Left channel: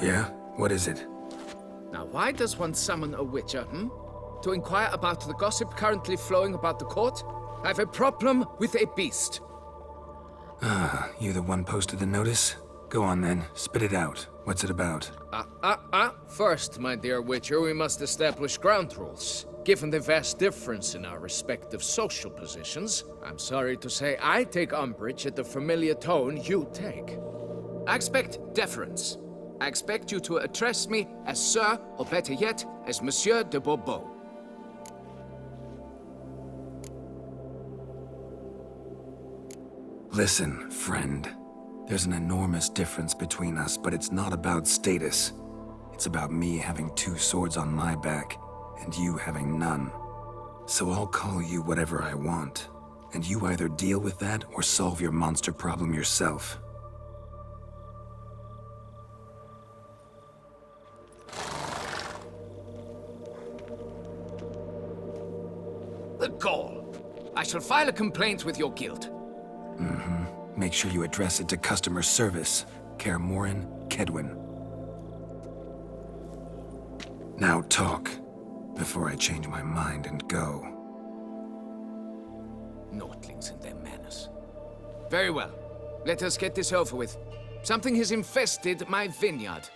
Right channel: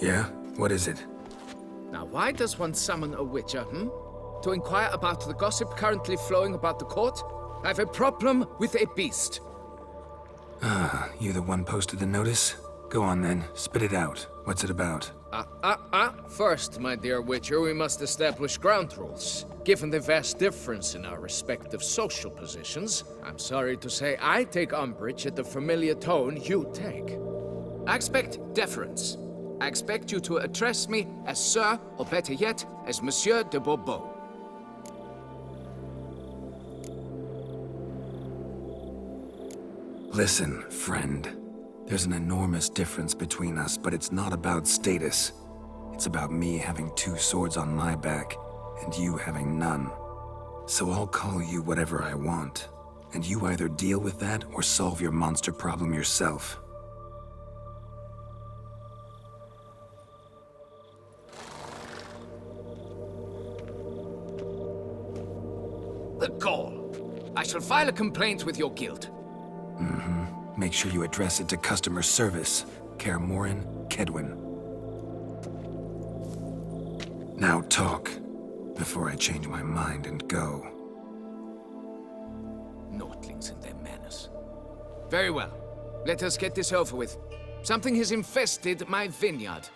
Yeah? What is it? Now, why does one summon a witcher, To inquire about the gossip currently flowing about the court? I have a problem with a beast. Ah, you the one posted the notice? Go on then, spit it out. What's it about? First, my dear witcher, we must establish ground rules. Given the vast difference in our respective social positions, I'm sorry to say I take umbrage at the familiar tone you take. I expect deference. I expect you to address me as Sir, or better yet, as Monsieur de Bourbeau. Listen, friend. There's an enormous difference between us, but it's not about status. It's about me having 2 swords on my back, and you having none. So I'll call you whatever I want, and you either deal with that or solve your monster problem yourself. The gall! I shall file a complaint with your guild. Make sure you address it to customer service. Kaer Morhen, Kaedwen. Now talk, before I change my mind and go. Naughtlings and their manners. Very well. Let us get this over with. Something has infested my vineyard.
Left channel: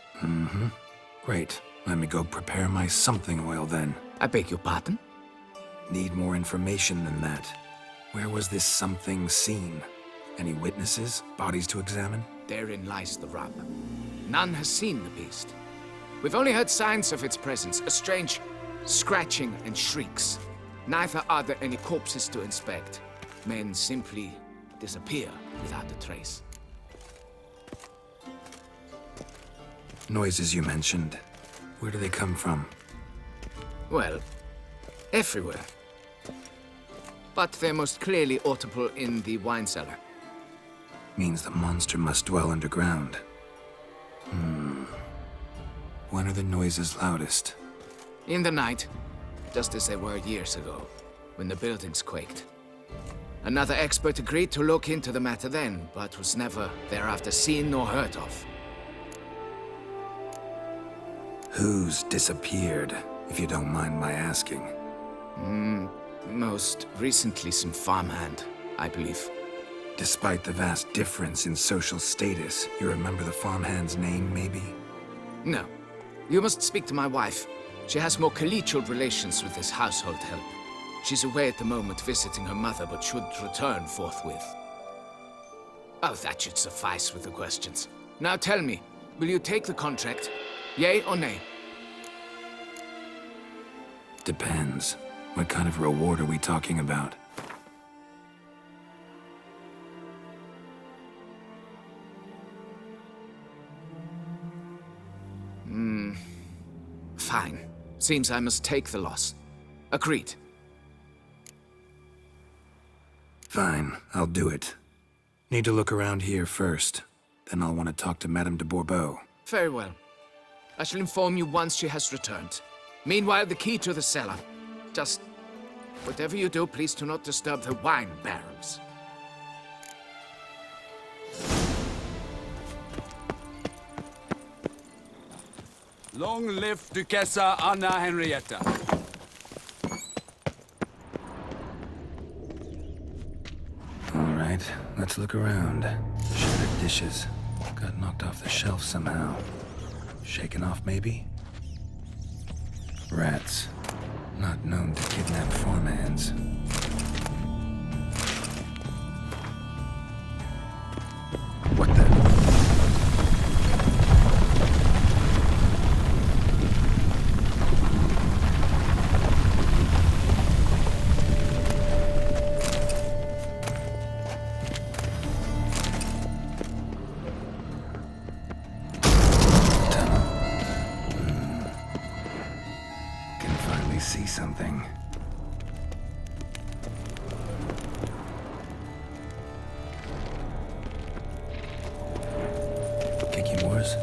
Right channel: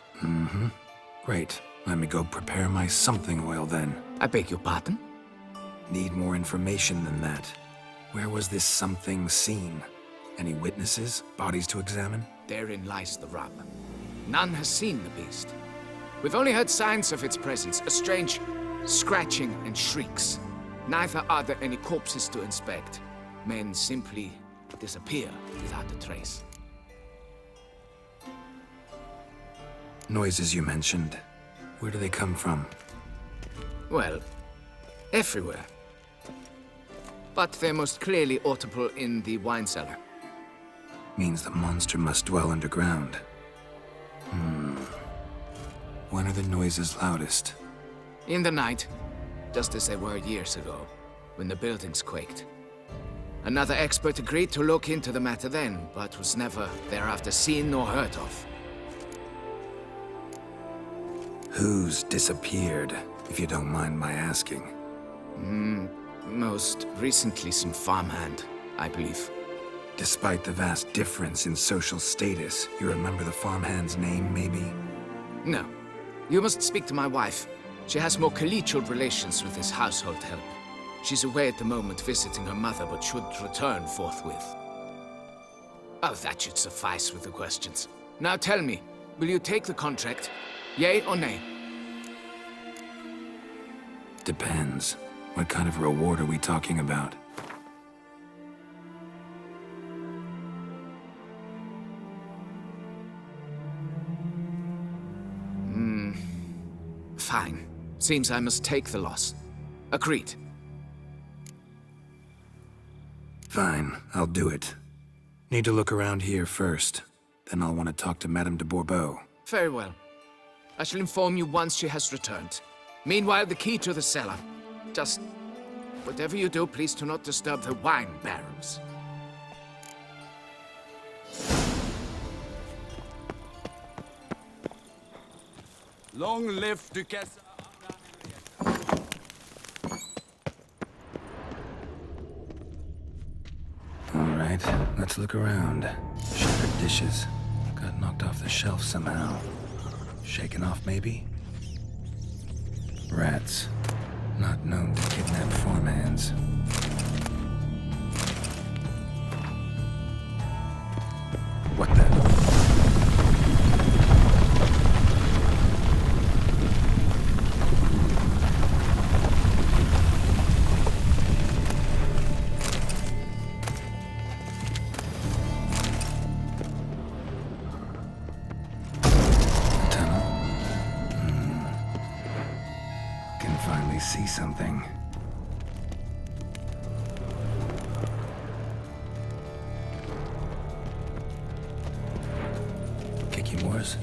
Great. Let me go prepare my something oil then. I beg your pardon? Need more information than that. Where was this something seen? Any witnesses? Bodies to examine? Therein lies the rub. None has seen the beast. We've only heard signs of its presence, a strange scratching and shrieks. Neither are there any corpses to inspect. Men simply disappear without a trace. Noises you mentioned. Where do they come from? Well, everywhere. But they're most clearly audible in the wine cellar. Means the monster must dwell underground. When are the noises loudest? In the night, just as they were years ago, when the buildings quaked. Another expert agreed to look into the matter then, but was never thereafter seen nor heard of. Who's disappeared, if you don't mind my asking? Most recently some farmhand, I believe. Despite the vast difference in social status, you remember the farmhand's name, maybe? No. You must speak to my wife. She has more collegial relations with this household help. She's away at the moment visiting her mother, but should return forthwith. Oh, that should suffice with the questions. Now tell me, will you take the contract? Yea or nay? Depends. What kind of reward are we talking about? Fine. Seems I must take the loss. Agreed. Fine, I'll do it. Need to look around here first. Then I'll want to talk to Madame de Bourbeau. Very well. I shall inform you once she has returned. Meanwhile, the key to the cellar. Just whatever you do, please do not disturb the wine barrels. Long live Duchessa Anna Henrietta. All right, let's look around. Shattered dishes. Got knocked off the shelf somehow. Shaken off, maybe? Rats. Not known to kidnap farmhands. What the? Tunnel? Can finally see something. Kiki Moores?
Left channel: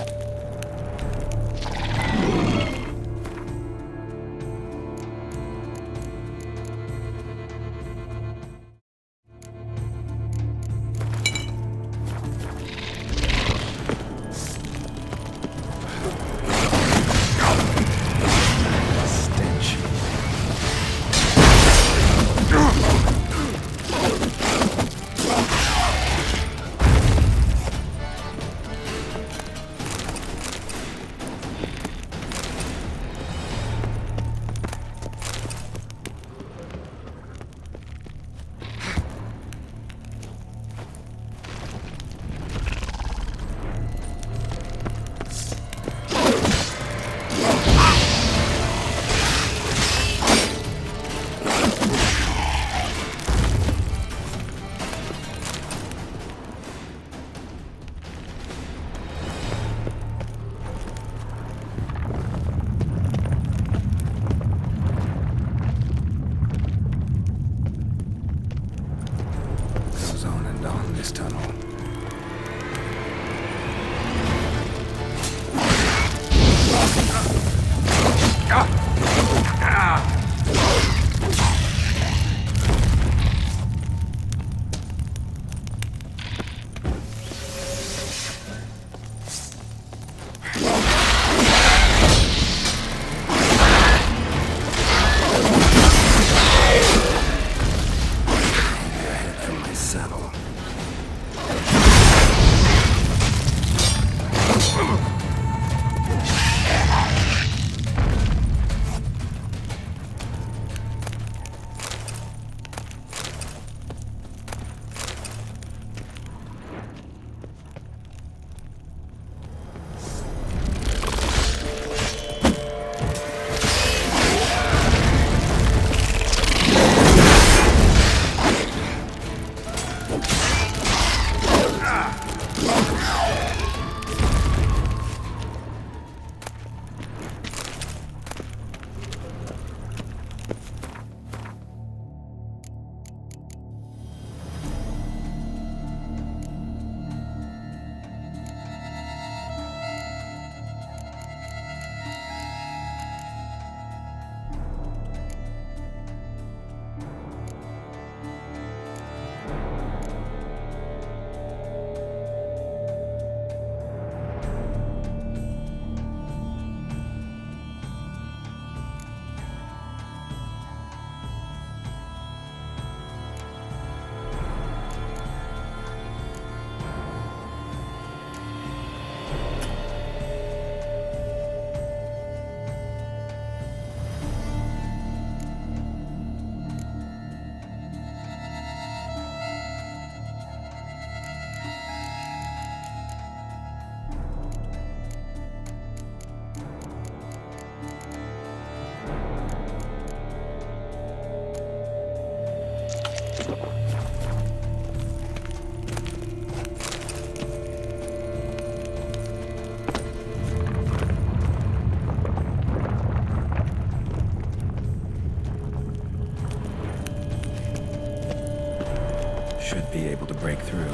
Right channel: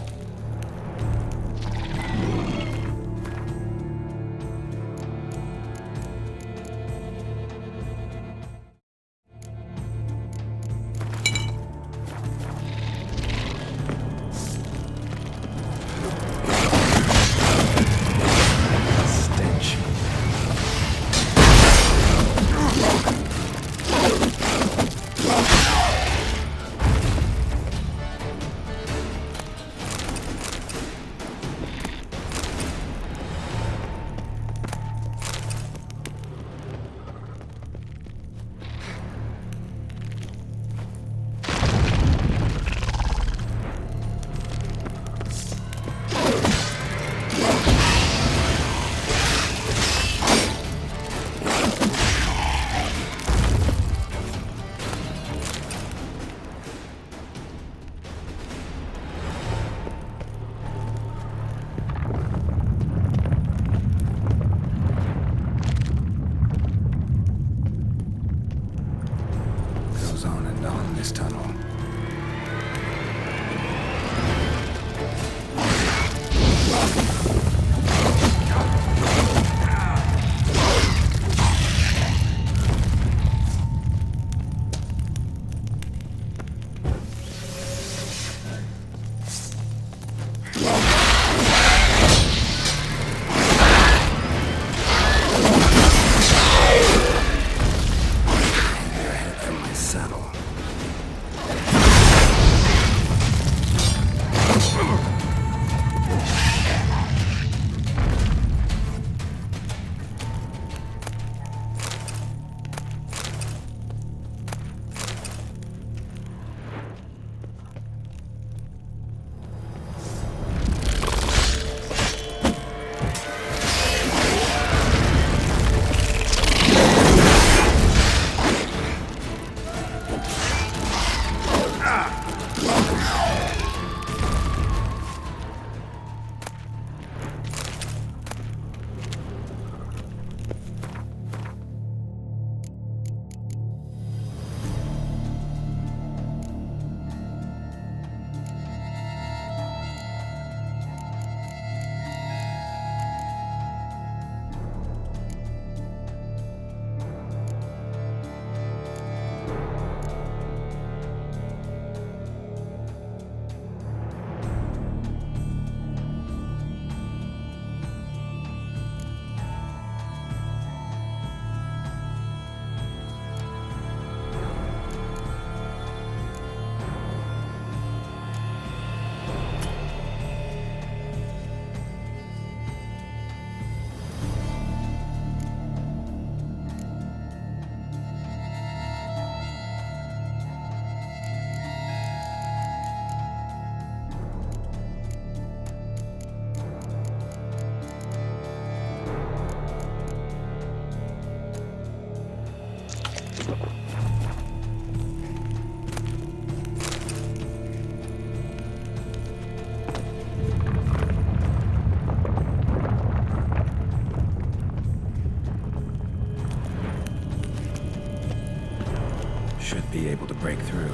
able to break through.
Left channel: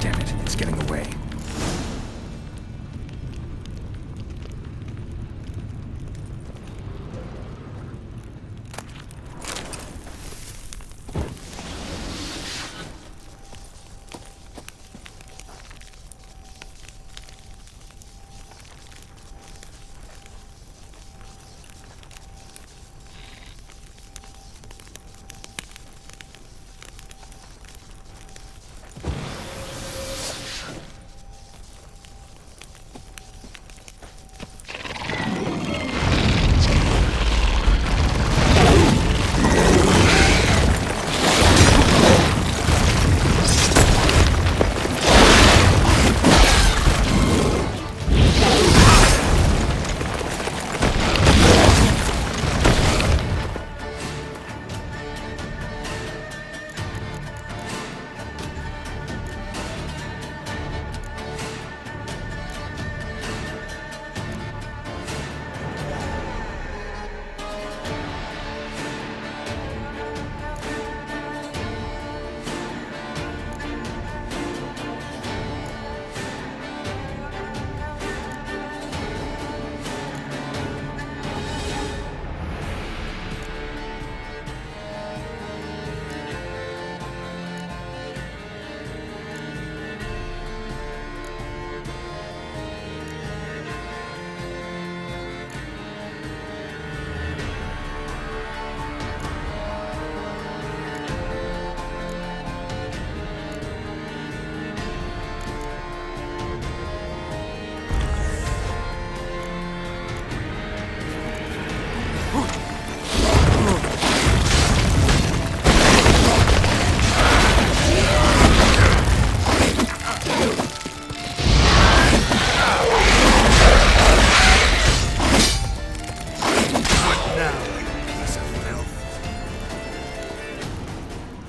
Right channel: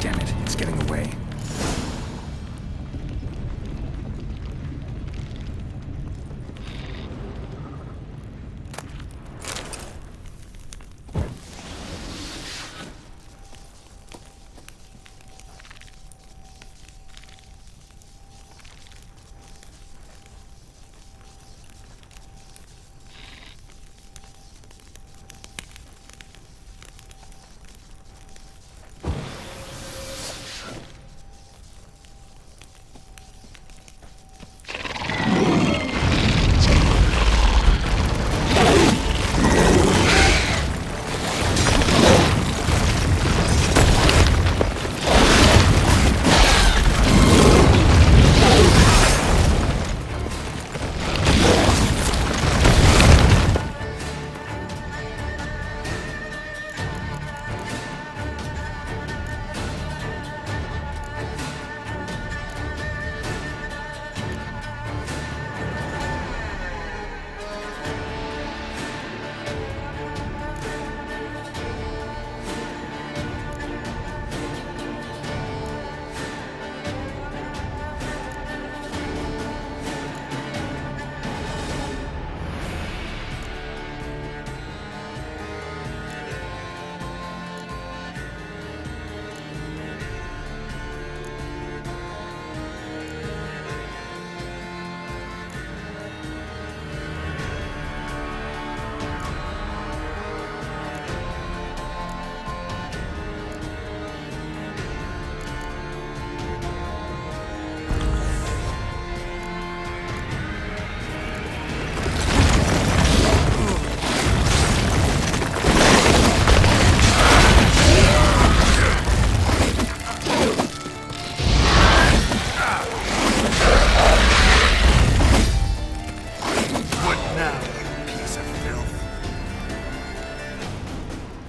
Damn it, it's getting away.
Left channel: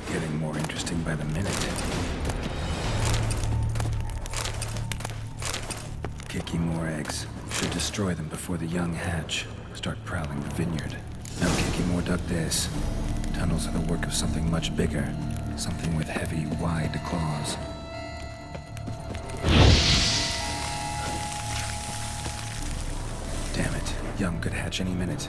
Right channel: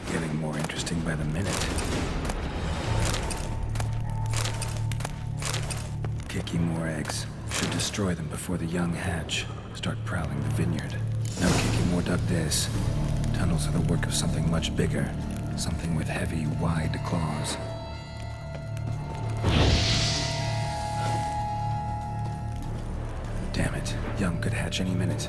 Getting more interesting by the minute. Kiki more eggs. Should destroy them before the young hatch. Start prowling the vineyard. No Kiki more dug this. Tunnels are the work of something much bigger. Something with heavy, wide claws. Damn it. Young could hatch any minute.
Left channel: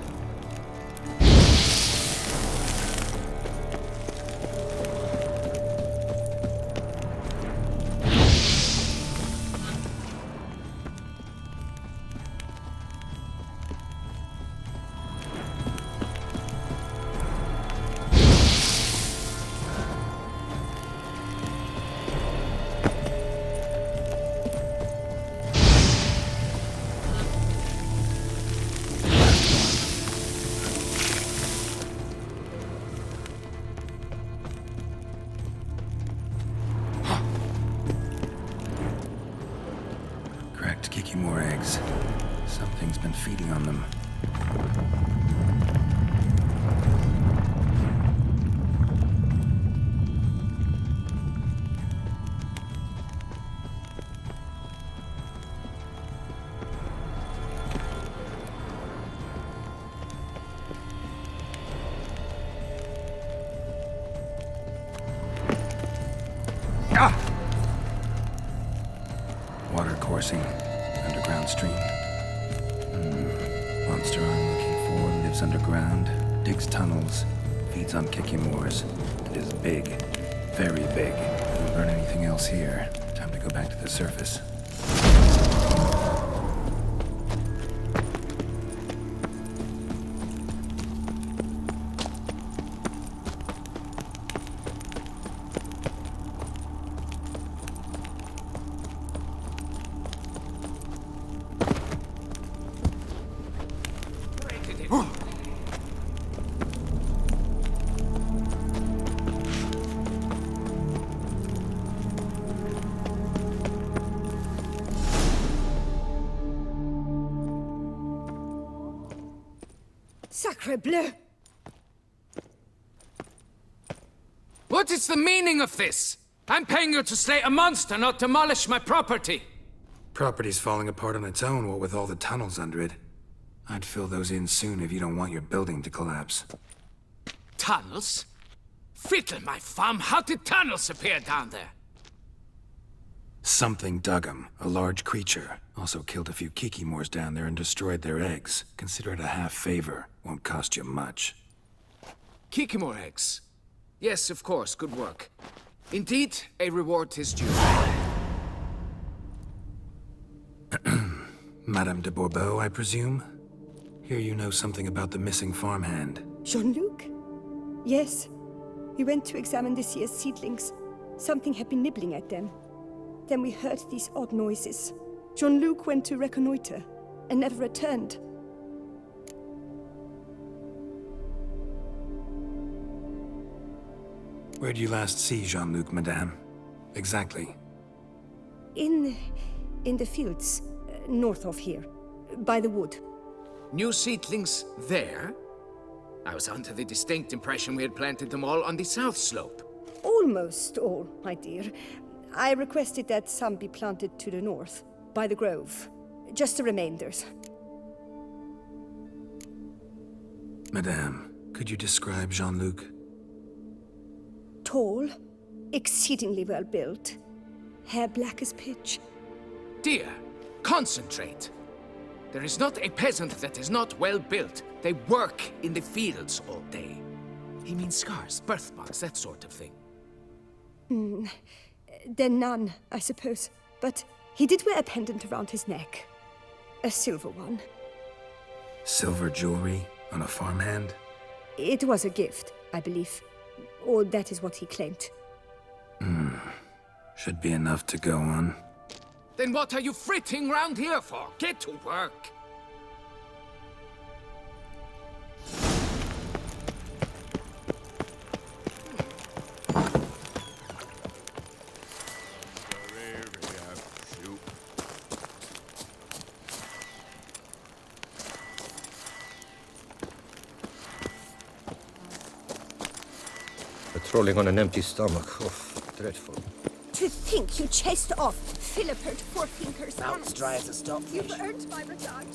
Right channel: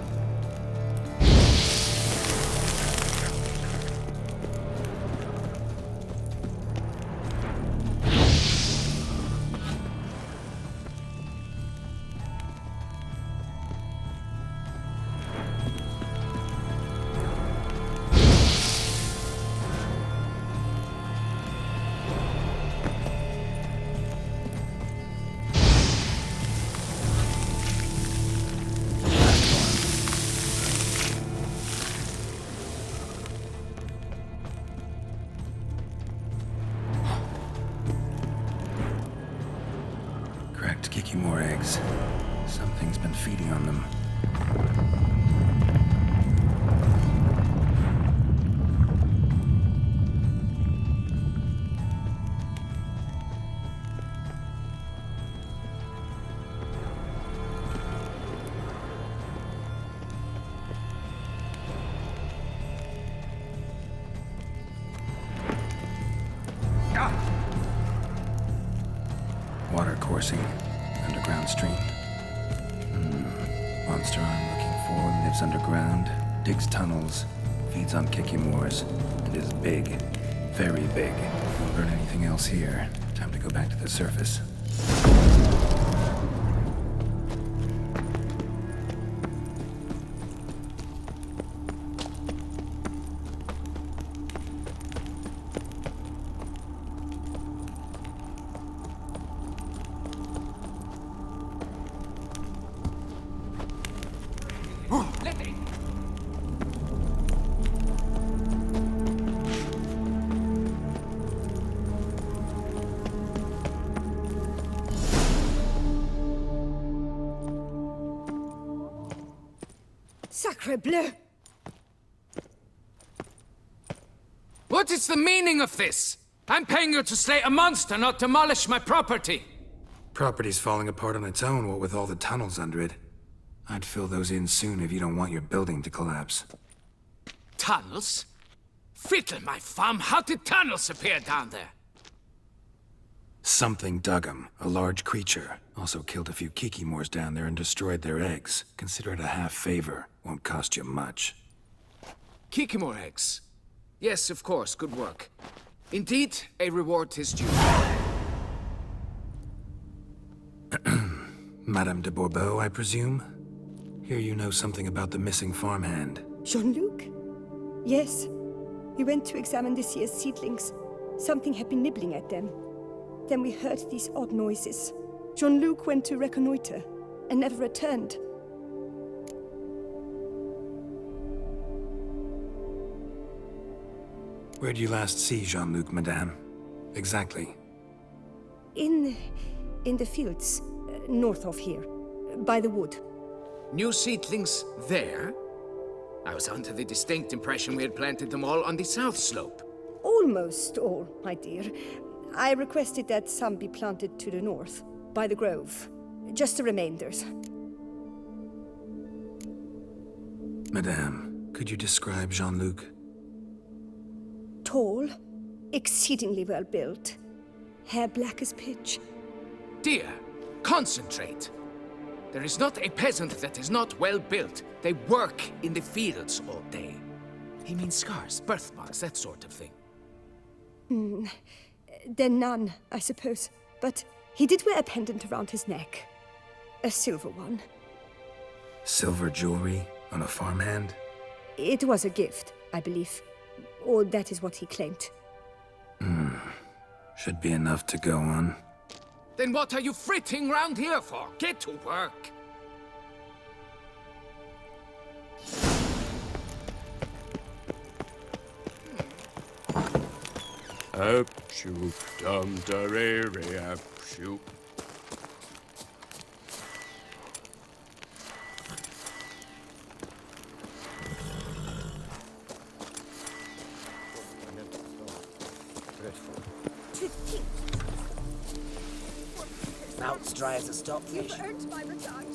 Cracked Kiki more eggs. Something's been feeding on them. Water coursing. Underground stream. Monster I'm looking for lives underground, digs tunnels, feeds on Kikimores, and is big. Very big. Don't learn anything else here. Time to go back to the surface. Sacre bleu! What is the meaning of this? I'm paying you to slay a monster, not demolish my property. Property's falling apart on its own, what with all the tunnels under it. I'd fill those in soon if you don't want your building to collapse. Tunnels? Fiddle, my fam, how did tunnels appear down there? Something dug 'em. A large creature. Also killed a few Kikimors down there and destroyed their eggs. Consider it a half favor. Won't cost you much. Kikimor eggs. Yes, of course, good work. Indeed, a reward is due. Madame de Bourbeau, I presume? Hear you know something about the missing farmhand. Jean-Luc? Yes. We went to examine this year's seedlings. Something had been nibbling at them. Then we heard these odd noises. Jean-Luc went to reconnoiter and never returned. Where did you last see Jean-Luc, madame? Exactly. In the fields, north of here, by the wood. New seedlings there? I was under the distinct impression we had planted them all on the south slope. Almost all, my dear. I requested that some be planted to the north, by the grove. Just the remainders. Madame, could you describe Jean-Luc? Tall, exceedingly well built, hair black as pitch. Dear, concentrate. There is not a peasant that is not well built. They work in the fields all day. He means scars, birthmarks, that sort of thing. Then none, I suppose. But he did wear a pendant around his neck. A silver one. Silver jewelry on a farmhand? It was a gift, I believe. Or that is what he claimed. Should be enough to go on. Then what are you fritting round here for? Get to work! Up-shoot, dum-da-re-re, up-shoot. Patrolling on an empty stomach. Oh, dreadful. To think you chased off Philippert Forefingers. Mouth's dry as a stockfish. You've earned my regard.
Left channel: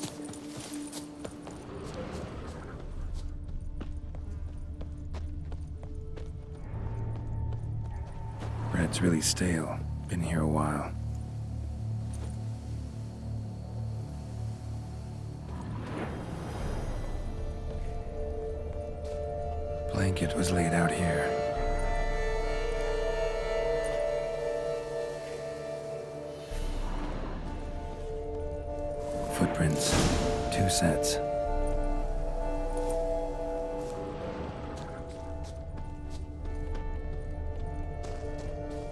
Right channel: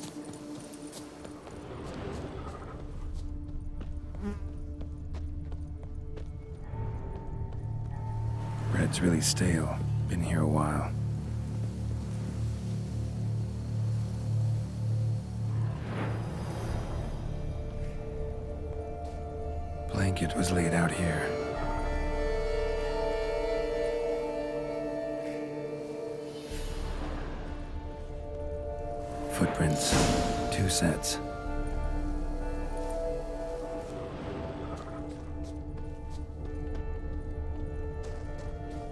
Bread's really stale. Been here a while. Blanket was laid out here. Footprints. 2 sets.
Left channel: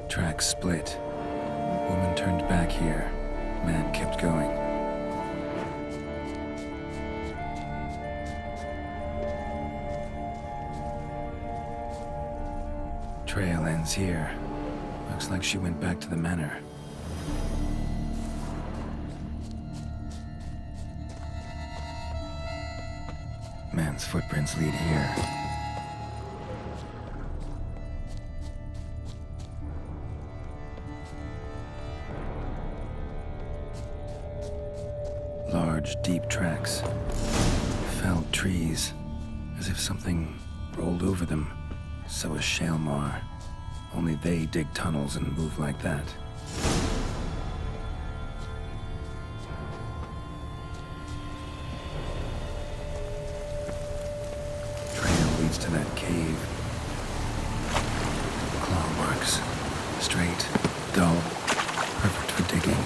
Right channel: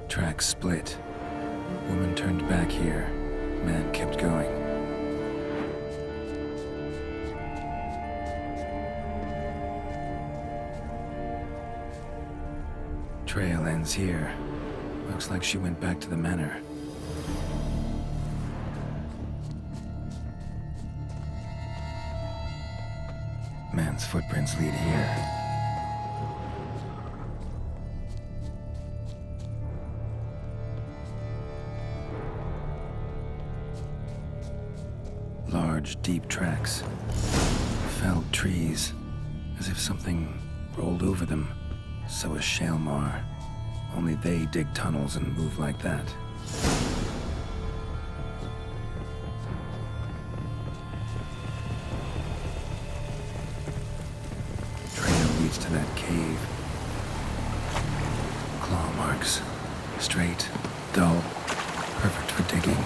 Tracks split. Woman turned back here. Man kept going. Trail ends here. Looks like she went back to the manor. Man's footprints lead here. Large, deep tracks. Felled trees. As if something rolled over them. So is Shaelmar. Only they dig tunnels and move like that. Trail leads to that cave. Claw marks. Straight, dull, perfect for digging.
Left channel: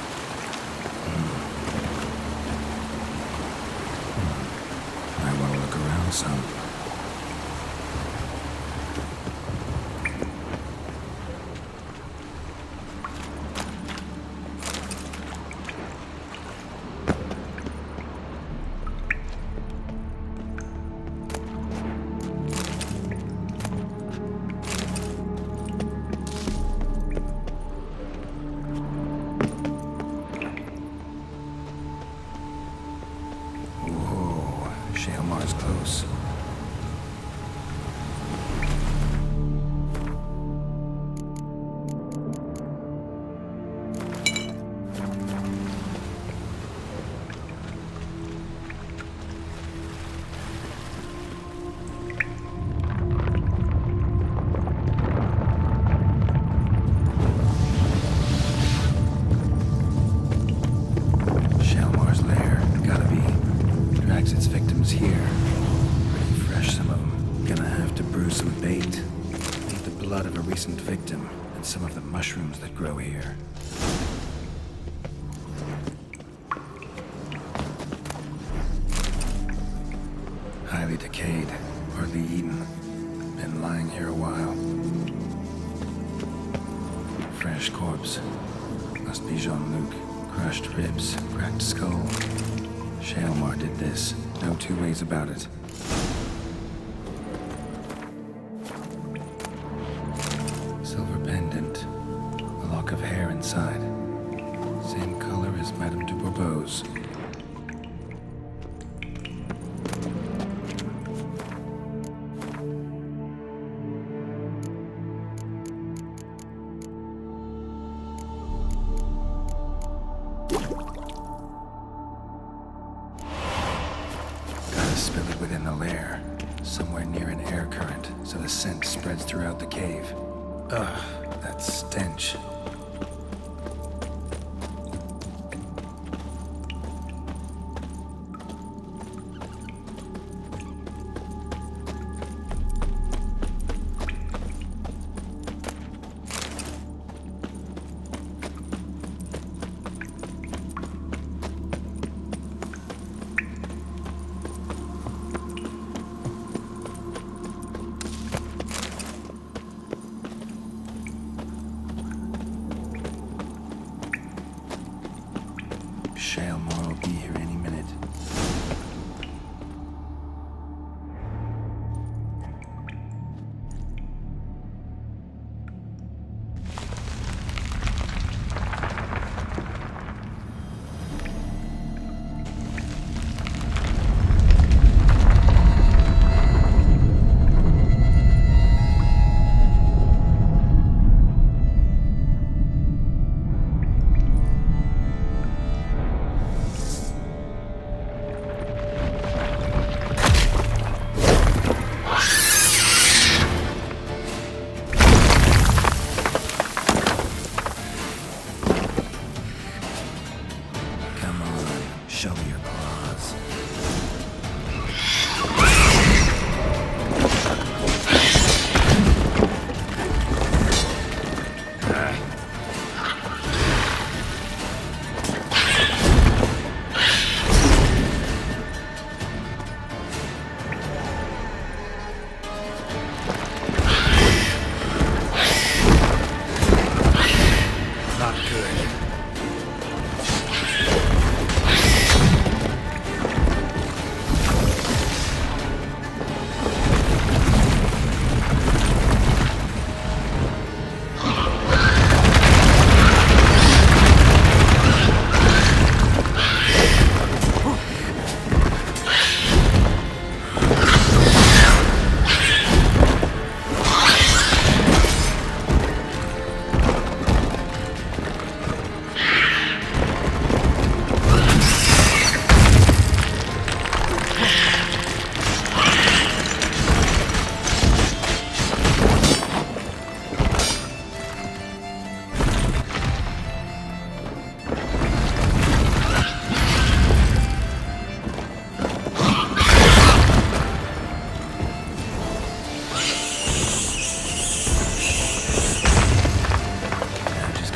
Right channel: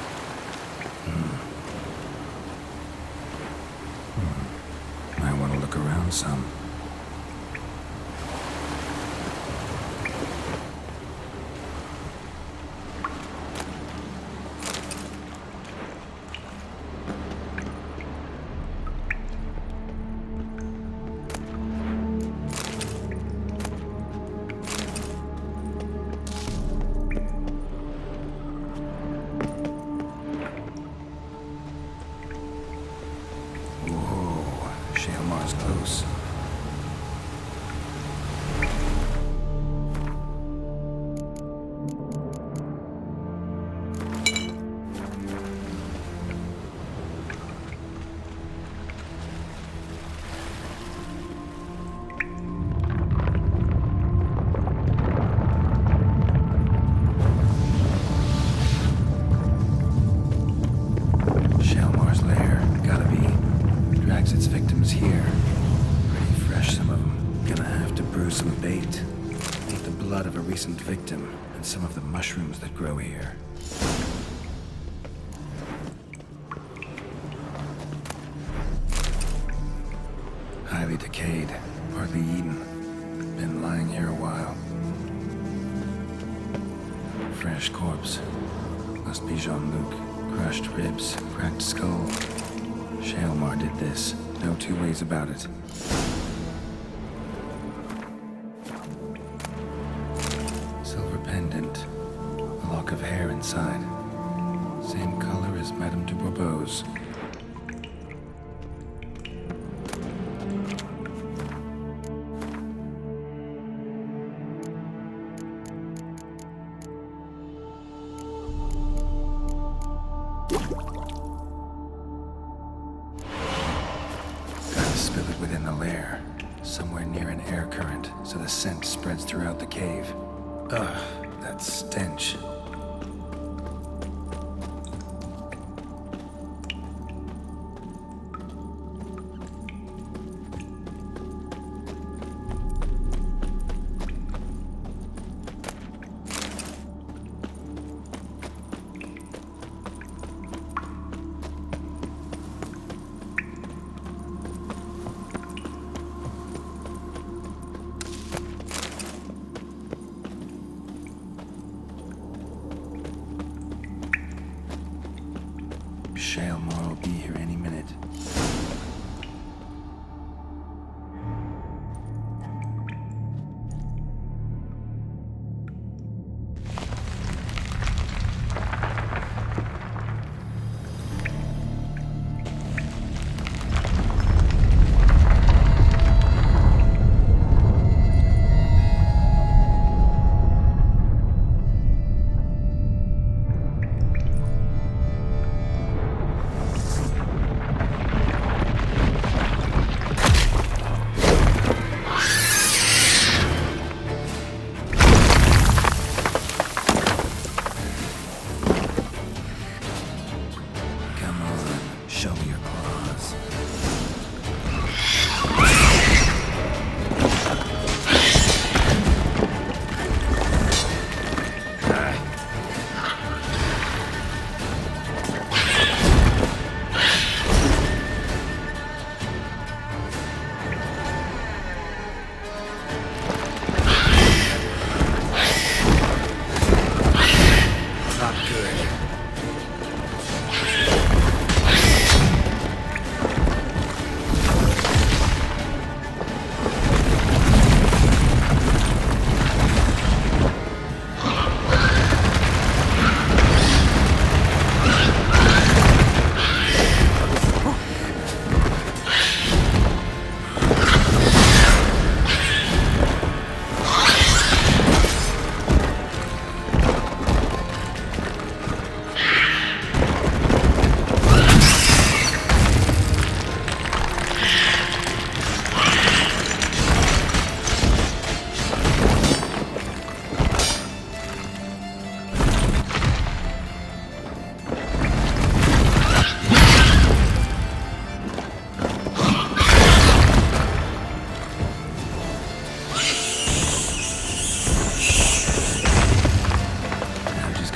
I want to look around some. Shaelmar's close. bait. Eat the blood of a recent victim and some of the mushrooms that grow here. Highly decayed, hardly eaten. Been lying here a while. Fresh corpse. Must be Jean-Luc. Crushed ribs, cracked skull. Shalmar did this. No two ways about it. Silver pendant. A lock of hair inside. Same color as Madame de Bourbeau's. Gotta spill it within the lair. Somewhere near an air current, so the scent spreads throughout the cave. Ugh, that stench. Shalmar will be here any minute. Come on, show me your claws. Not good.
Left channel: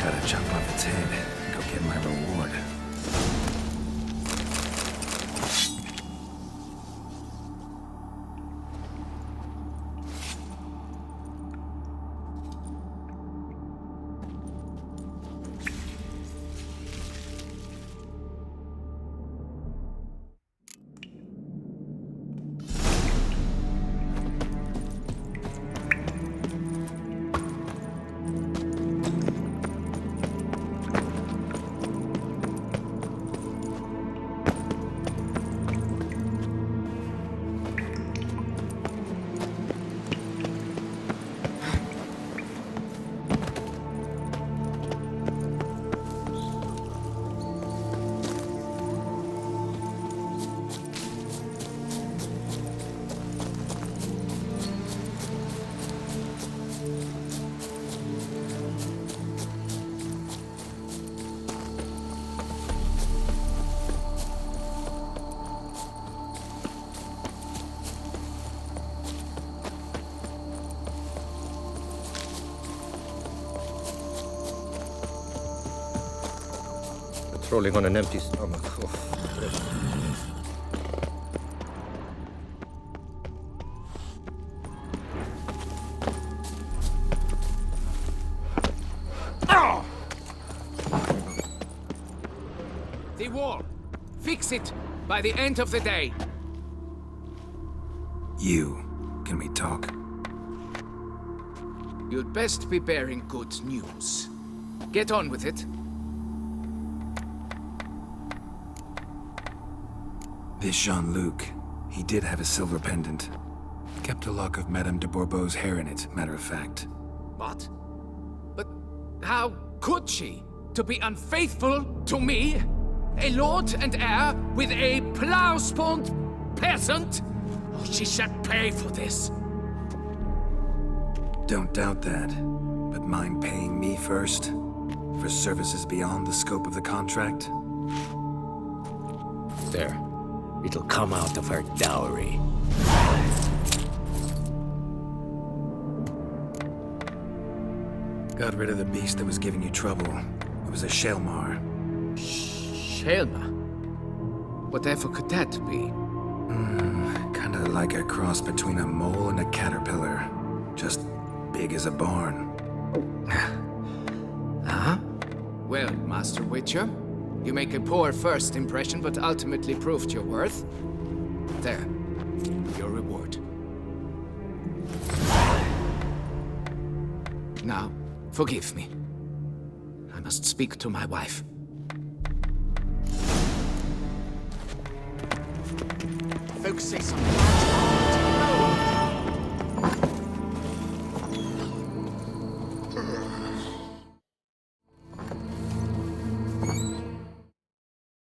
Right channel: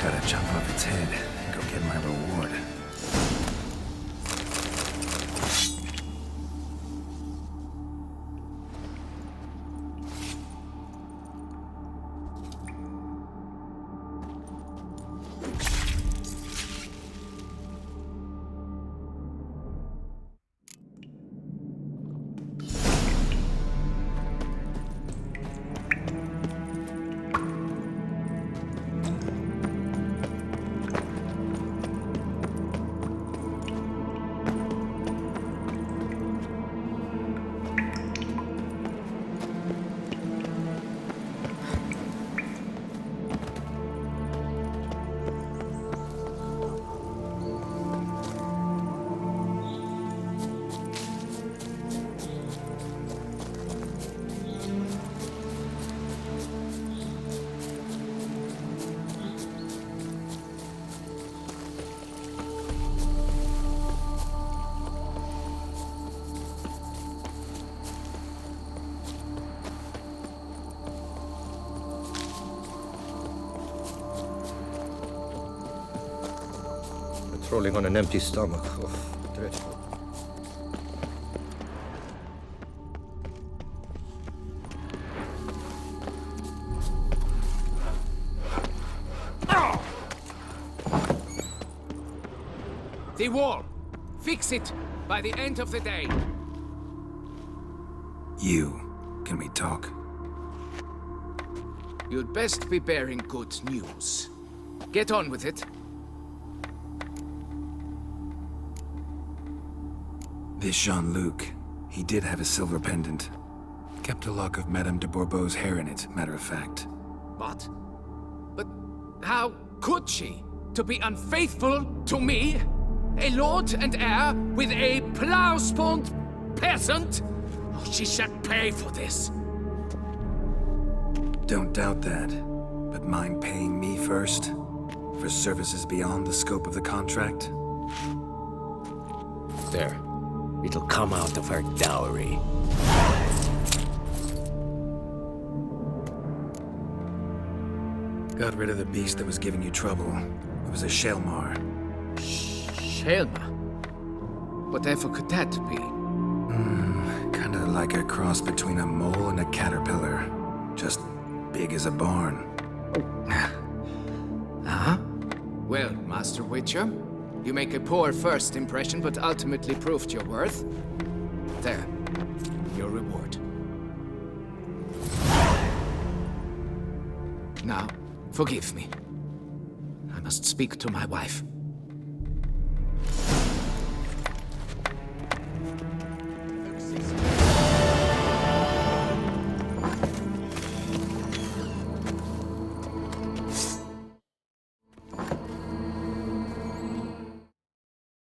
Gotta chop off its head and go get my reward. Patrolling on an empty stomach. Oh, dreadful. The wall! Fix it by the end of the day! You. Can we talk? You'd best be bearing good news. Get on with it. This Jean-Luc, he did have a silver pendant. Kept a lock of Madame de Bourbeau's hair in it, matter of fact. What? But how could she? To be unfaithful to me? A lord and heir with a plow-spawned peasant? Oh, she shall pay for this. Don't doubt that. But mind paying me first? For services beyond the scope of the contract? There. It'll come out of her dowry. Got rid of the beast that was giving you trouble. It was a Shelmar. Shelma? Whatever could that be? Kinda like a cross between a mole and a caterpillar. Just big as a barn. Huh? Well, Master Witcher, you make a poor first impression, but ultimately proved your worth. There. Your reward. Now, forgive me. I must speak to my wife. Folks say something.